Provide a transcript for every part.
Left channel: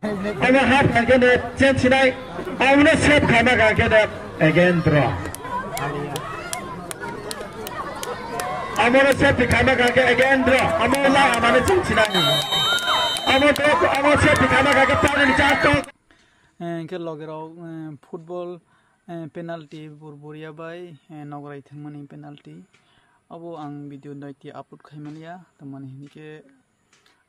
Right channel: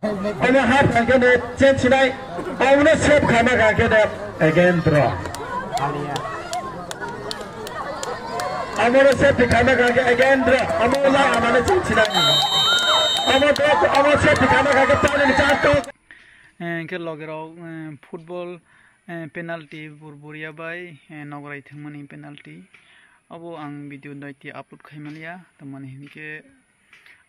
Ama half again change tonight. I will not save Kamaga again draw. I will save the Kamaga again draw. I'm gonna change tonight. I'm gonna save the Kamaga again. के Lage Raho football penalty बुरबुरिया बाय नगराय थंमनि पेनाल्टी अब आं video ninety upload खाइमालिया तमाने हिनके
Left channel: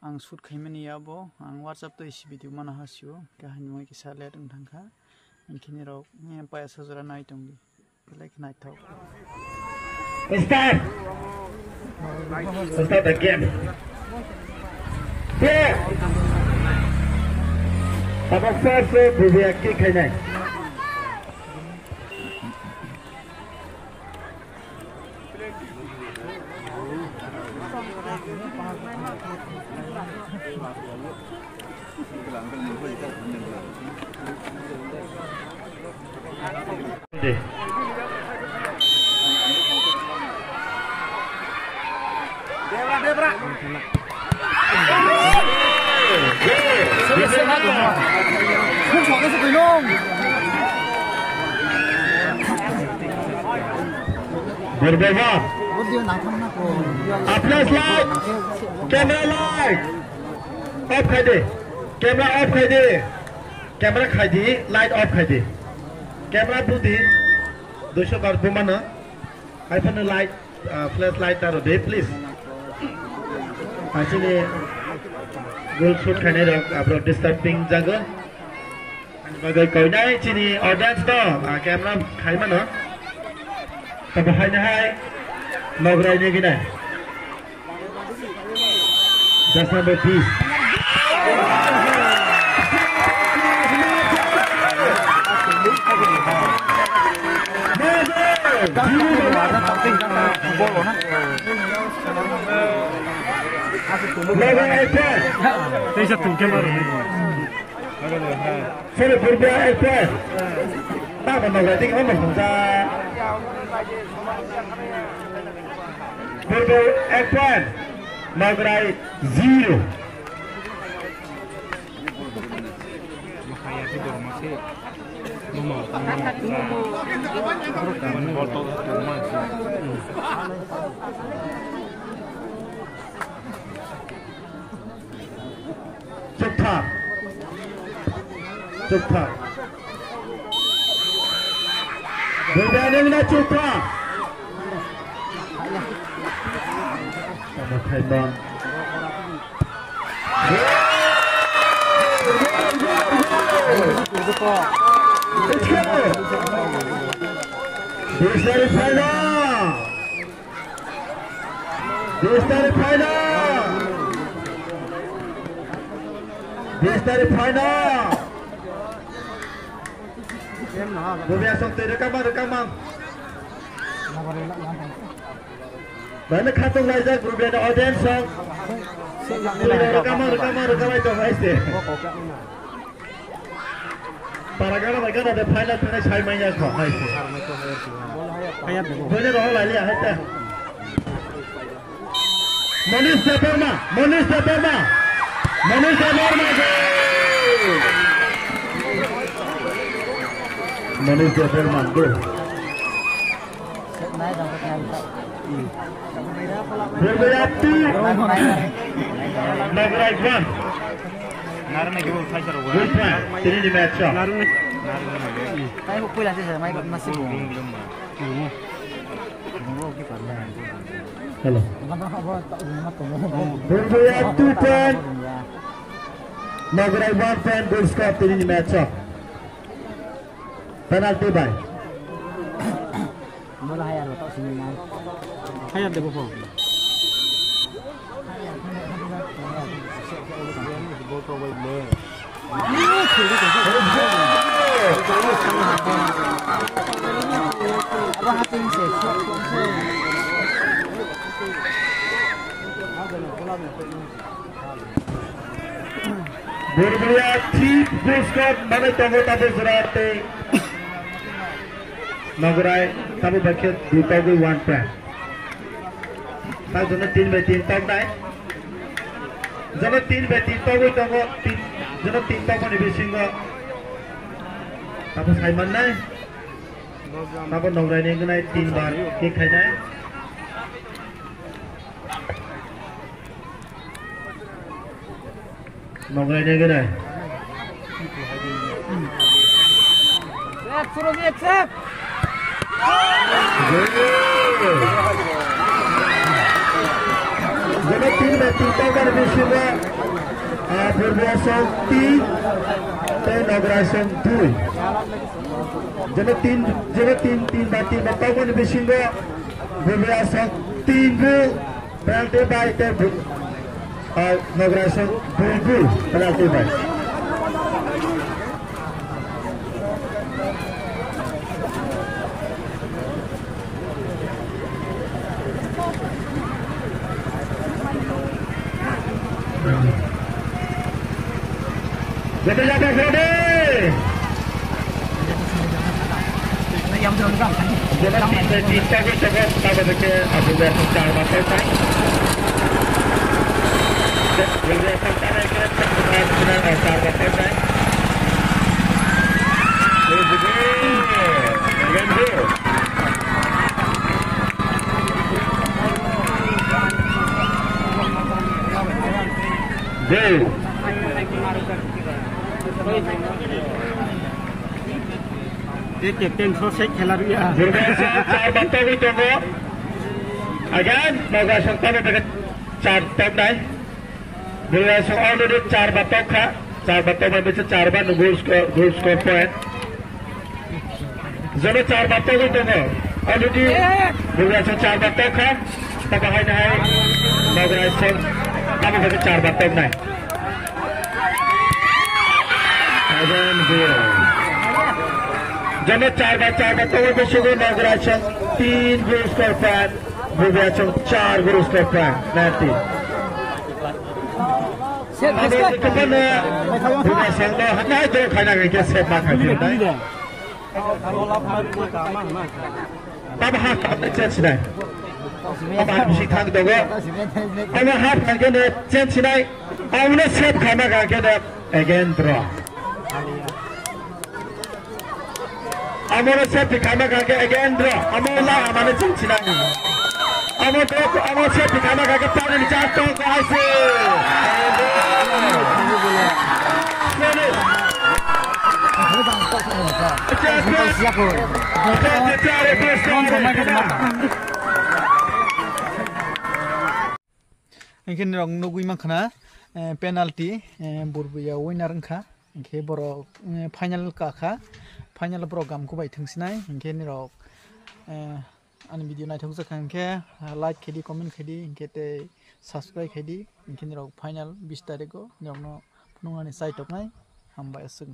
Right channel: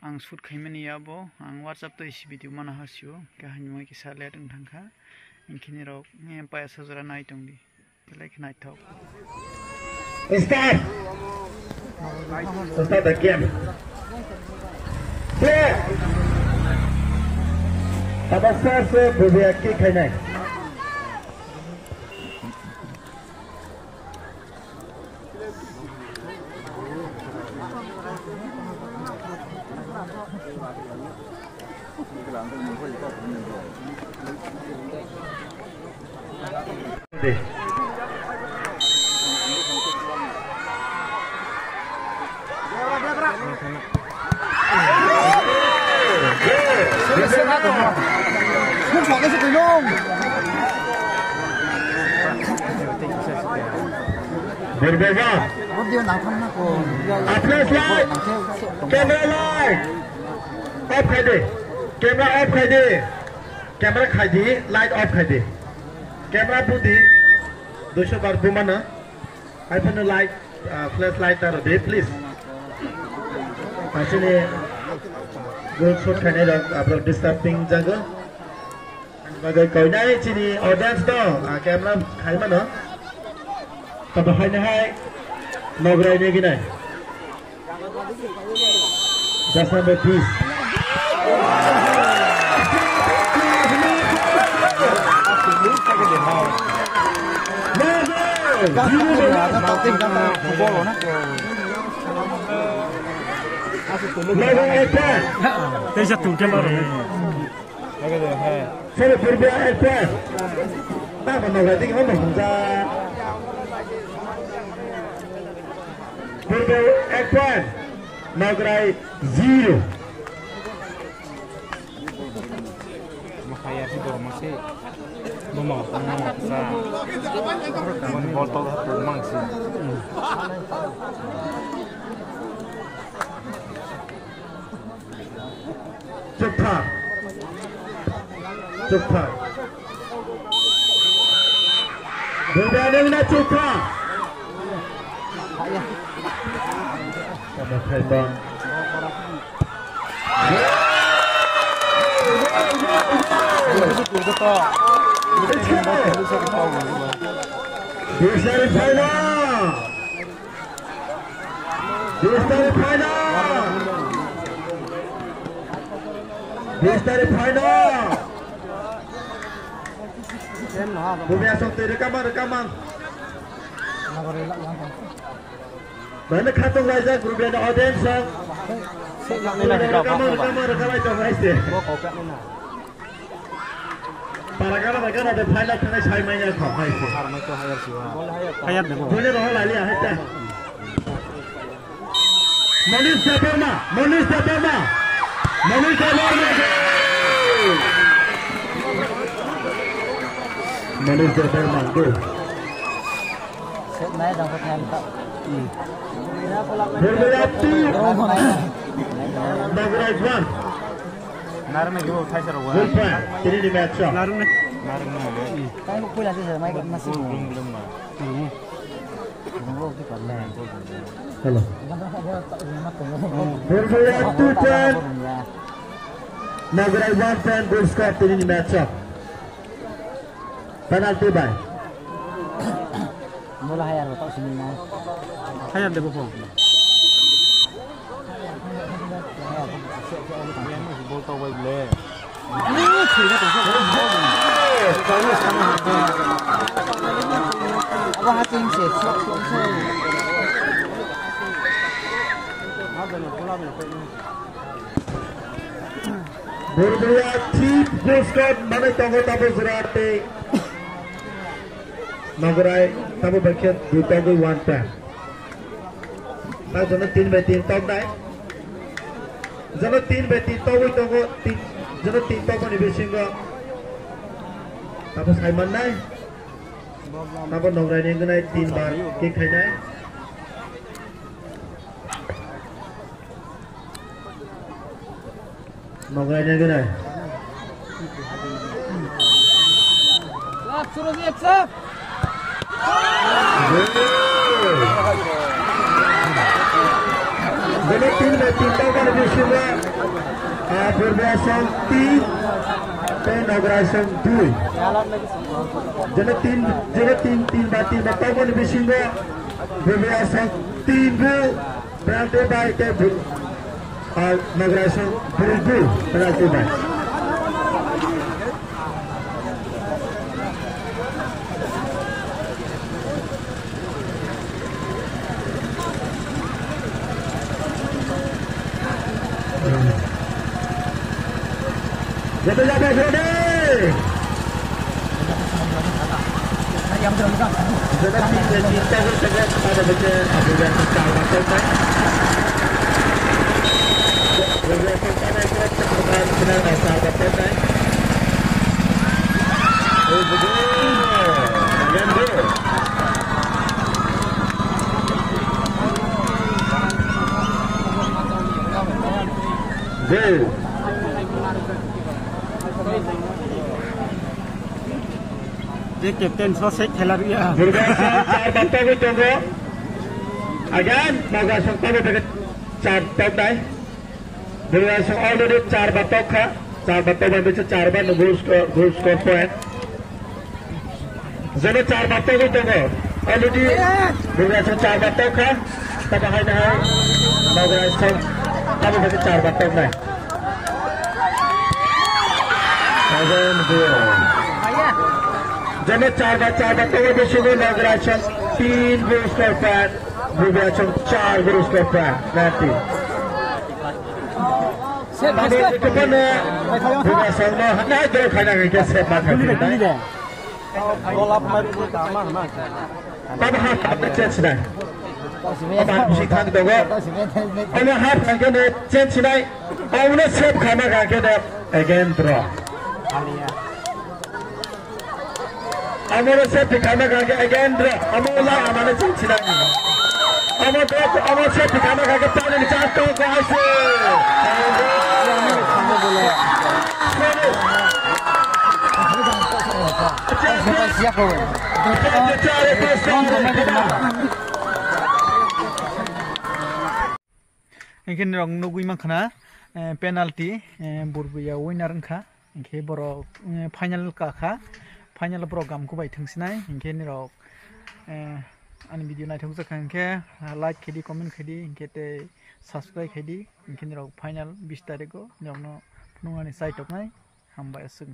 आं शूट खाइमानिया अब आं WhatsApp तो इस भिडियो माना हासियो काहानि मा कि साले दं थांखा इनखिनि राव पायास हजरा नाइटंदि लाइक नाइटाव Start the game. Apa sahaja berbiaki kena. Không chọn cái sự tình không? Berbeza. Có điều nào thăm nó còn. Camera light. Off khai đi. Camera off khai đi. Camera khai đi. Light off khai đi. Camera pun di. Dosa kartu mana? iPhone light, flashlight taruh deh, please. Macam ni. Goal shot kena dah, abang disturbing jaga. Bagai kau ni sini audience dah, kamera khai mana? Tapi hai ni hai, nagrai ni gini. Just number 30. Saya tuntut baru. Saya berbeza FPS. Tak benar lagi kan berbeza. Berbeza FPS. Nagrai 0. Makanya tidur masih memau. Foto tu masih. Cepat. Cepat. Berbeza nak cepat. Sama tendang. This is final. This is final. This is final. Bumi asal rekaman. Mana kata lagi grup ada audience yang rekaman itu pasti. Para mereka ada final kena saya mainnya kau pasti. Boleh dah lali ahad. Manis Dapama. Go. Berbayati. Nagrai one. Narne gol thaisar gol. Ini di match. Narne. Tayo pula sih saya main masih bung. Bung kita lah. Hello. Berbayati 10. Nagrai one fan goal score ini di match. Penalty ban. Mula hayar tak sini nak. Hayar deh bopong. Abang hati sih. Berbayati goal score mana tengok tadi serate. Nagrai tapi bagian dua gol one point. Tak jangan 3 by 3 tak naik. Jangan 3 by 3 tahu 3 Jadi tinta ko ni bisinga. Tapos ay man nay. Tapos nongray ni ganay tinta kick hay nay. Nongray ni ganay. Suruh dia cek. Jadi tinta ko ni bisinga. Berberasan 3 dan berberasan 2. Jadi tim tahu ni bisinga berberasan 3 berarti baik ke berberasan 2 berarti baik. Jadi Yang betul juga. Dia kapten selesai खेला भी है। चार बत्तों को चंगे अगेन मौका सकता है कि चार तक नहीं बिल्कुल ऑलरेडी चार बत्तों का चार बत्तों में भी चार बार गोल स्कोर पे जब चार बत्तों को चंगे ऑलरेडी बिल्कुल चार बत्तों का तब है नहीं मौका सकता है कि चार बत्तों नहीं जब चार बत्तों में शुरू नगराशन 3 गोल स्कोर पर विवेचन 4 गोल स्कोर पर रहती विवेचन में नहीं तो खाना के सेट ना करते तब हाथ चेंज नहीं अब आप इसी खान दोगे अब हाथ खान के चेंज नहीं अब उन्हें सेट खाना खा के अगेन ड्रॉ हमारे से ठिकाना करके अगेन ड्रॉ हमारा हमारे चिंचिना हमें तो हमारे से ठिकाना करके 4 तो ऐसे इनके रंग नगुई मखना पेनाल्टी बुरबुया विनर इनका इनके बरो फाइनल का फाइनल प्रोग्राम को बाय थंसिनाय इनके निरक आन वीडियो नायथों जखा इनके लाइक खेदी कमेंट खेदी इनके ते सब्सक्राइब खेदी इनके निरक फाइनल 20 तारिख को निरक फुंगानि साइट नाय हामबाय असुं